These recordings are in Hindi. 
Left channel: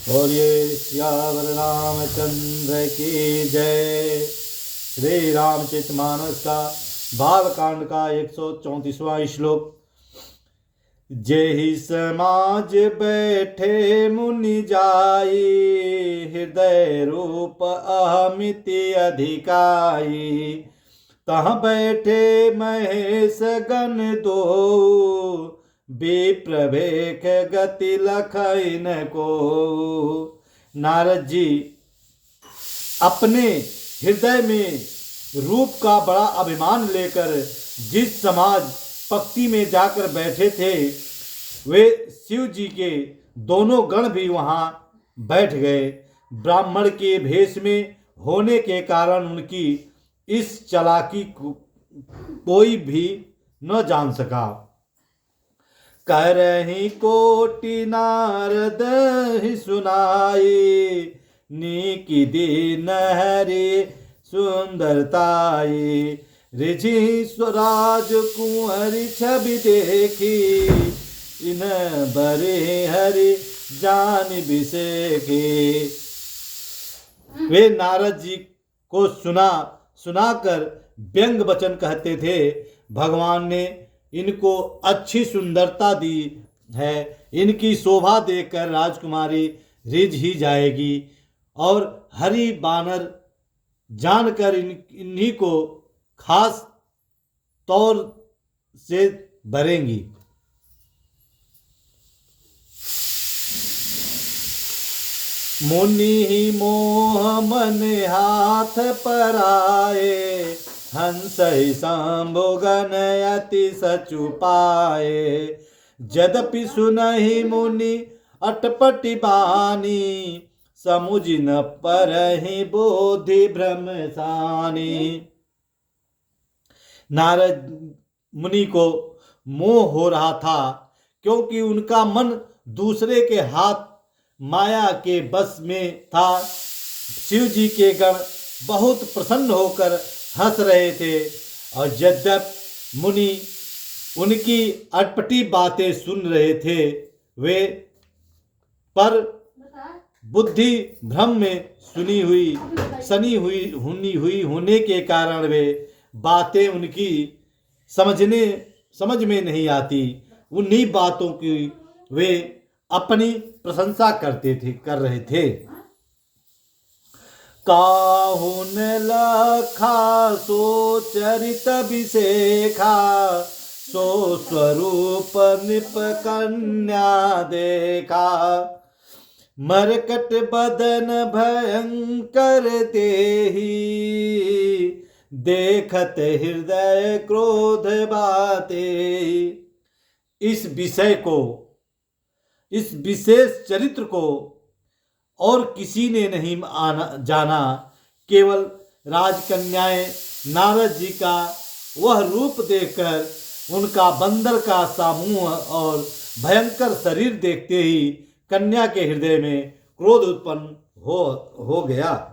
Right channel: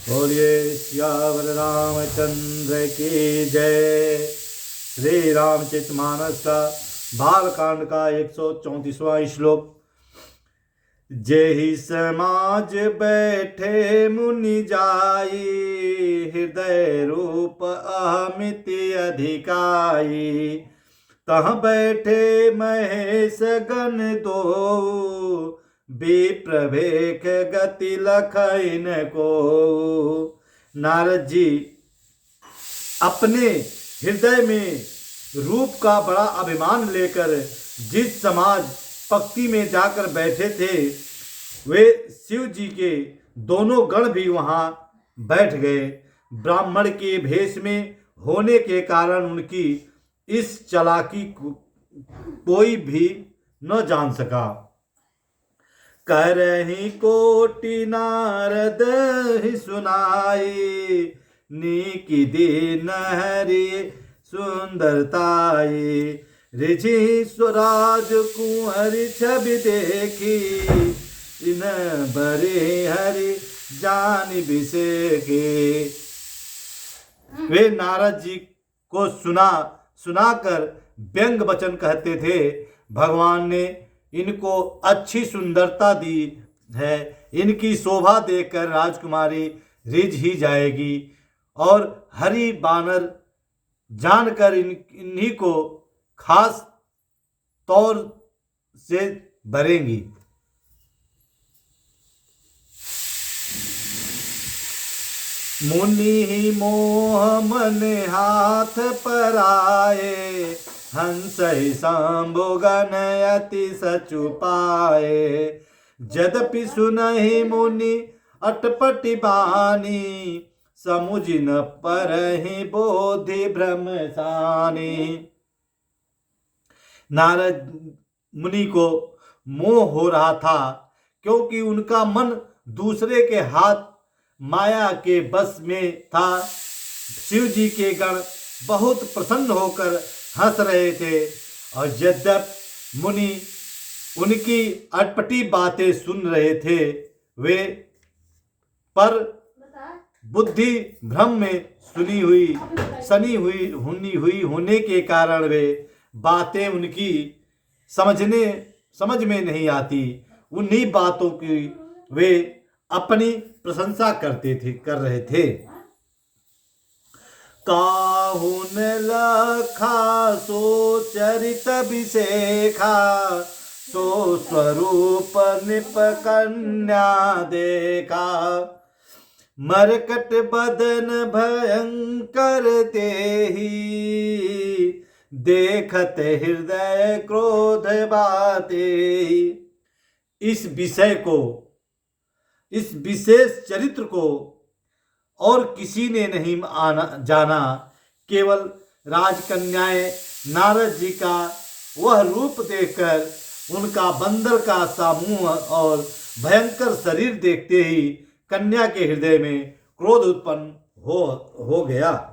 बोलिए सियावर रामचंद्र की जय। श्री रामचरितमानस का बालकांड का 134वां श्लोक। जेहि समाज बैठे मुनि जाई, हृदय रूप अहमिति अधिकाई। तहाँ बैठे महेश गण दो, विप्रभेख गति लखई न को। नारद जी अपने हृदय में रूप का बड़ा अभिमान लेकर जिस समाज पक्की में जाकर बैठे थे, वे शिव जी के दोनों गण भी वहां बैठ गए। ब्राह्मण के भेष में होने के कारण उनकी इस चालाकी को कोई भी न जान सका। करहि कोटि नारद ही सुनाई, नीकी दीन हरि सुंदरताई। ऋषि स्वराज कुंवर छवि देखी, इन बरे हरि जान बिसेखे। वे नारद जी को सुनाकर व्यंग वचन कहते थे। भगवान ने इनको अच्छी सुंदरता दी है, इनकी शोभा देखकर राजकुमारी रिझ ही जाएगी और हरि बानर जानकर इन्हीं को खास तौर से भरेंगी। मुनि ही मोह मन हाथ पर आए, हंस ही शंभु गण अति सचु पाए। यद्यपि सुनहि मुनि अटपटि बानी, समुझ न परहि बोधि भ्रम सानी। नारद मुनि को मोह हो रहा था, क्योंकि उनका मन दूसरे के हाथ माया के बस में था। शिव जी के गण बहुत प्रसन्न होकर हंस रहे थे, और यद्यपि मुनि उनकी अटपटी बातें सुन रहे थे, वे पर बुद्धि भ्रम में सनी हुई होने के कारण वे बातें उनकी समझ में नहीं आती। उन्हीं बातों की वे अपनी प्रशंसा कर रहे थे। काहुन लखा सो चरित विशेखा, सो स्वरूप निप कन्या देखा। मरकट बदन भयंकर तेहि, देखत हृदय क्रोध बाते। इस विशेष चरित्र को और किसी ने नहीं जाना। केवल राजकन्याएं नारद जी का वह रूप देखकर उनका बंदर का सा मुंह और भयंकर शरीर देखते ही कन्या के हृदय में क्रोध उत्पन्न हो गया।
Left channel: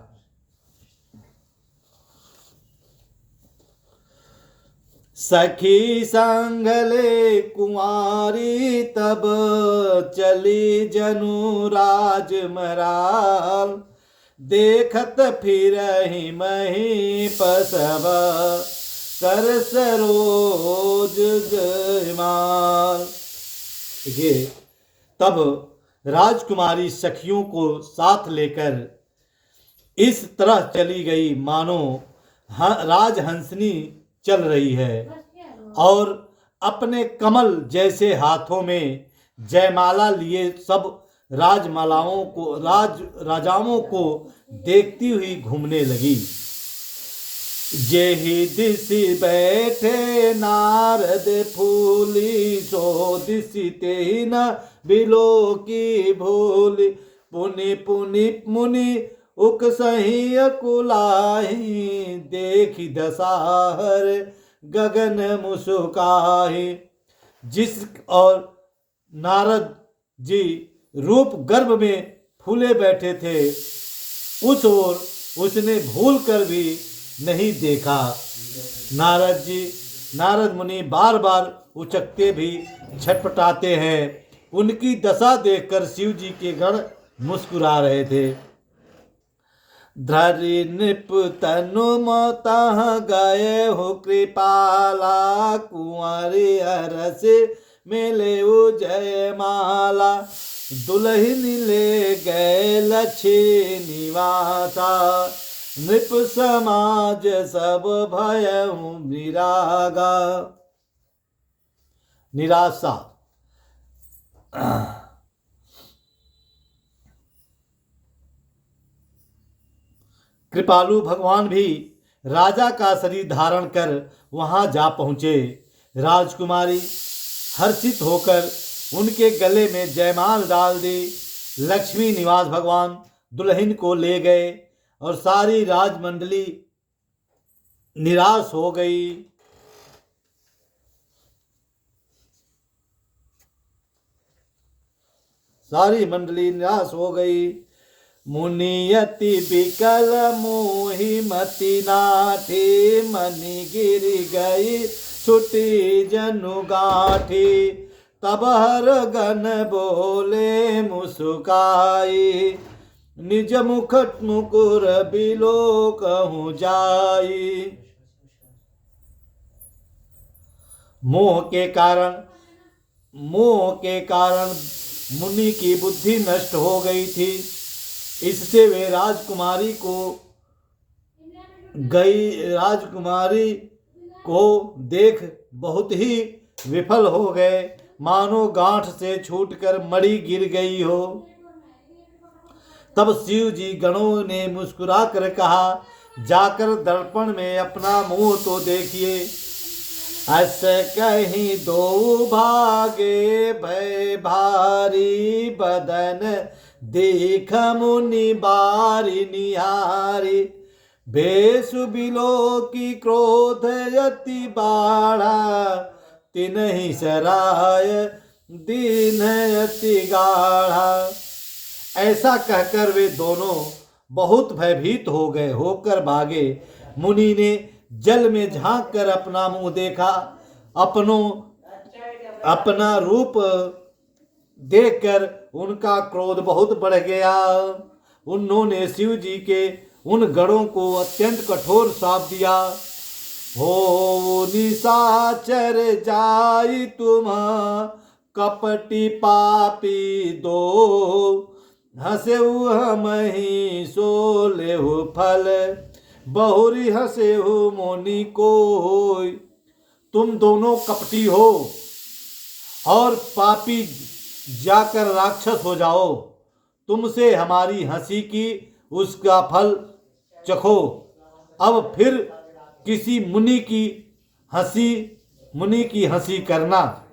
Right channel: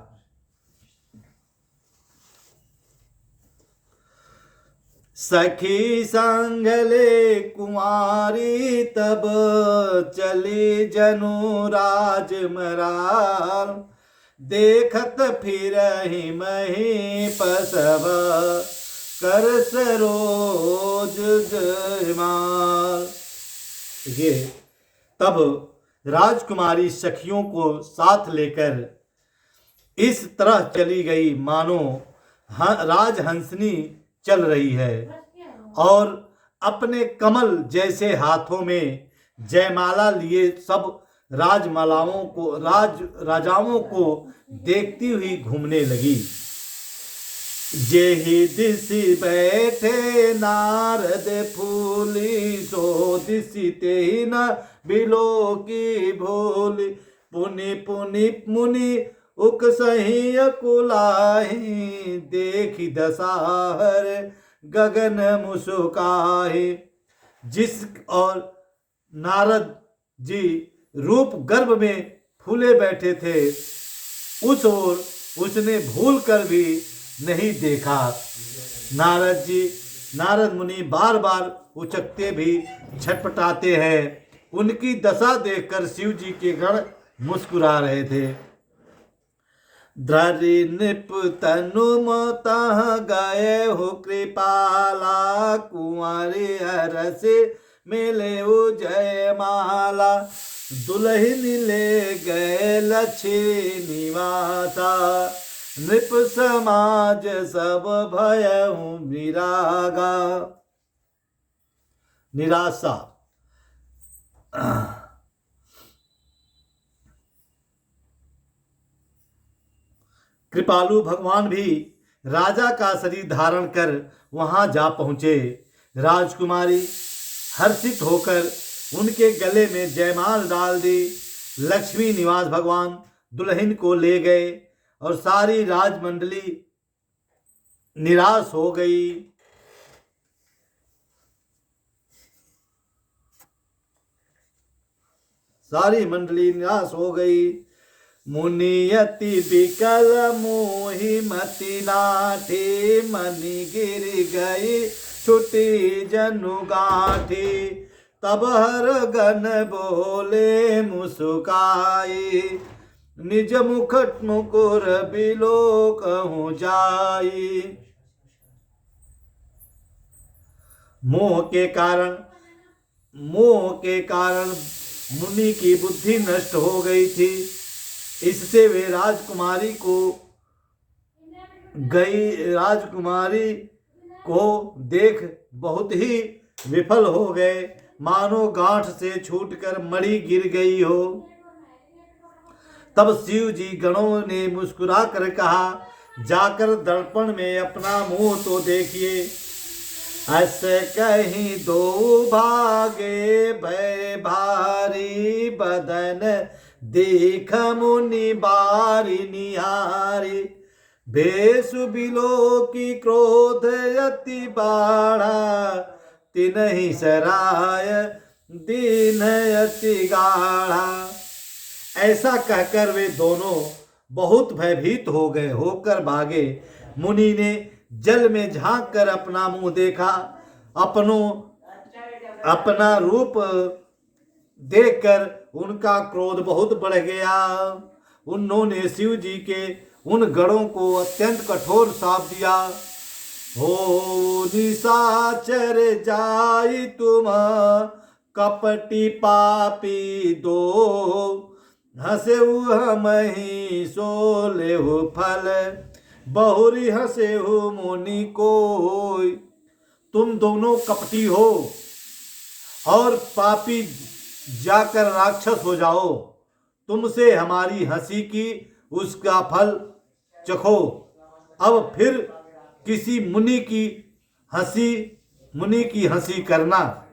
सखी संगले कुमारी तब, चली जनु राजमराल। देखत फिरहि महीपसभ, कर सरोज जयमाल। देखिए, तब राजकुमारी सखियों को साथ लेकर इस तरह चली गई मानो राजहंसनी चल रही है, और अपने कमल जैसे हाथों में जयमाला लिए सब राजाओं को देखती हुई घूमने लगी। जेहि दिशि बैठे नारद फूली, सो दिशि तेहि न बिलो की भूली। पुनि पुनि मुनि उकसहि अकुलाहि, देखि दसाहर गगन मुस्काहि। जिस और नारद जी रूप गर्भ में फूले बैठे थे, उस ओर उसने भूल कर भी नहीं देखा। नारद मुनि बार बार उचकते भी छटपटाते हैं। उनकी दशा देखकर शिव जी के गण मुस्कुरा रहे थे। धरि नृप तनु मोतः गए हो कृपाला, कुंवरी हरस मिले जय माला। दुल्हन ले गए लक्ष्मी निवासा, नृप समाज सब भयउ विरागा। निराशा। कृपालु भगवान भी राजा का शरीर धारण कर वहां जा पहुंचे। राजकुमारी हर्षित होकर उनके गले में जयमाल डाल दी। लक्ष्मी निवास भगवान दुल्हन को ले गए और सारी राजमंडली निराश हो गई। सारी मंडली निराश हो गई। मुनियति बिकल मोहि मति नाठी, मनि गिर गई छुटी जनु गाठी। तब हर गण बोले मुस्काई, निज मुखट मुकुर बिलो कहूँ जाई। मोह के कारण मुनि की बुद्धि नष्ट हो गई थी। इससे वे राजकुमारी को देख बहुत ही विफल हो गए, मानो गांठ से छूटकर मणि गिर गई हो। तब शिव जी गणों ने मुस्कुरा कर कहा, जाकर दर्पण में अपना मुंह तो देखिए। ऐसे कहीं दो भागे भय भारी, बदन देख मुनि बारी निहारी। भेष बिलो की क्रोध यति बाढ़ा, तिन्हि सराय दीन यति गाढ़ा। ऐसा कहकर वे दोनों बहुत भयभीत होकर भागे। मुनि ने जल में झांक कर अपना मुंह देखा। अपना रूप देखकर उनका क्रोध बहुत बढ़ गया। उन्होंने शिव जी के उन गणों को अत्यंत कठोर श्राप दिया। हो निशाचर जाई तुम कपटी पापी दो, हंसेहु हमहि सो लेहु फल, बहुरी हंसेहु मुनि कोय। तुम दोनों कपटी हो और पापी, जाकर राक्षस हो जाओ। तुमसे हमारी हंसी की उसका फल चखो। अब फिर किसी मुनि की हंसी करना।